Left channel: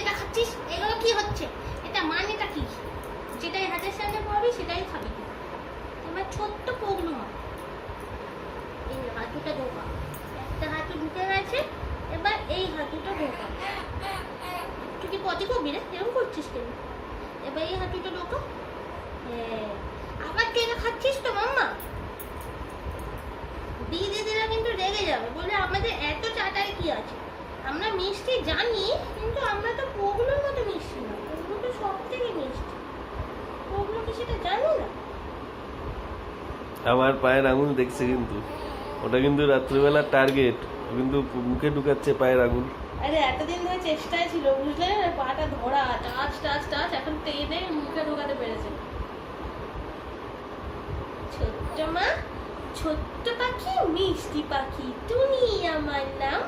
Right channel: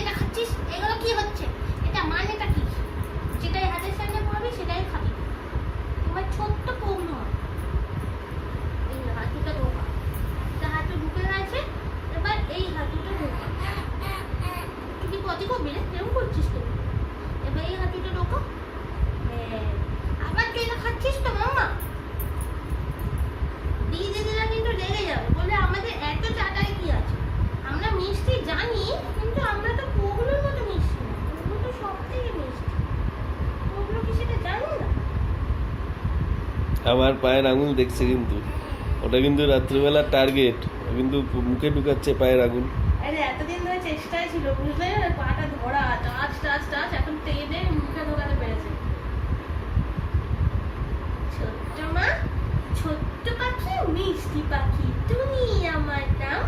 এটা খাচ্ছিস, এগুলো কি হচ্ছে, এটা মানেটা কি? যেটাই হাতের সামনে পাবি সেটাই খাবি। তোমার ছোট্ট পগ্ন এই হাঁটুটা ঢোকা, একটা হাঁটু ঢুকে গেছে, এবার এই হাঁটুটা ঢোকা। তুই কি পটি করবি রে? এরকম করছিস কেন? এবার এই হাঁটুটা ঢোকা। হ্যাঁ, আবার তুই এটা খাচ্ছিস তো মাম্মা? দিদিরা কিন্তু রেগে যাবে, বলে আমাদের এত চাটাই কি আছে? আমরা মিষ্টি জানি, কিন্তু আমরা তো পগলোর মতো মিষ্টি না, ওগুলো তো সব থেকে মিষ্টি। ওগুলো কি সেটা জানো না? আমার পায়ের আঙুল দেখছে কিন্তু, ওটা কিন্তু রাত্রিবেলার টার্গেট, কিন্তু মুখে ঢুকাচ্ছে পায়ের আঙুল। আরে এতদিন ধরে চেষ্টায় ছিল, বুঝলে, পাটা ধরা, টাচ টাচ টাচ, এখন টেনে মুখে ঢোকাতে পেরেছে। ছোট্ট মা, ছোট্ট পাখি, মিষ্টি পাখি, তুমি আমার নাম।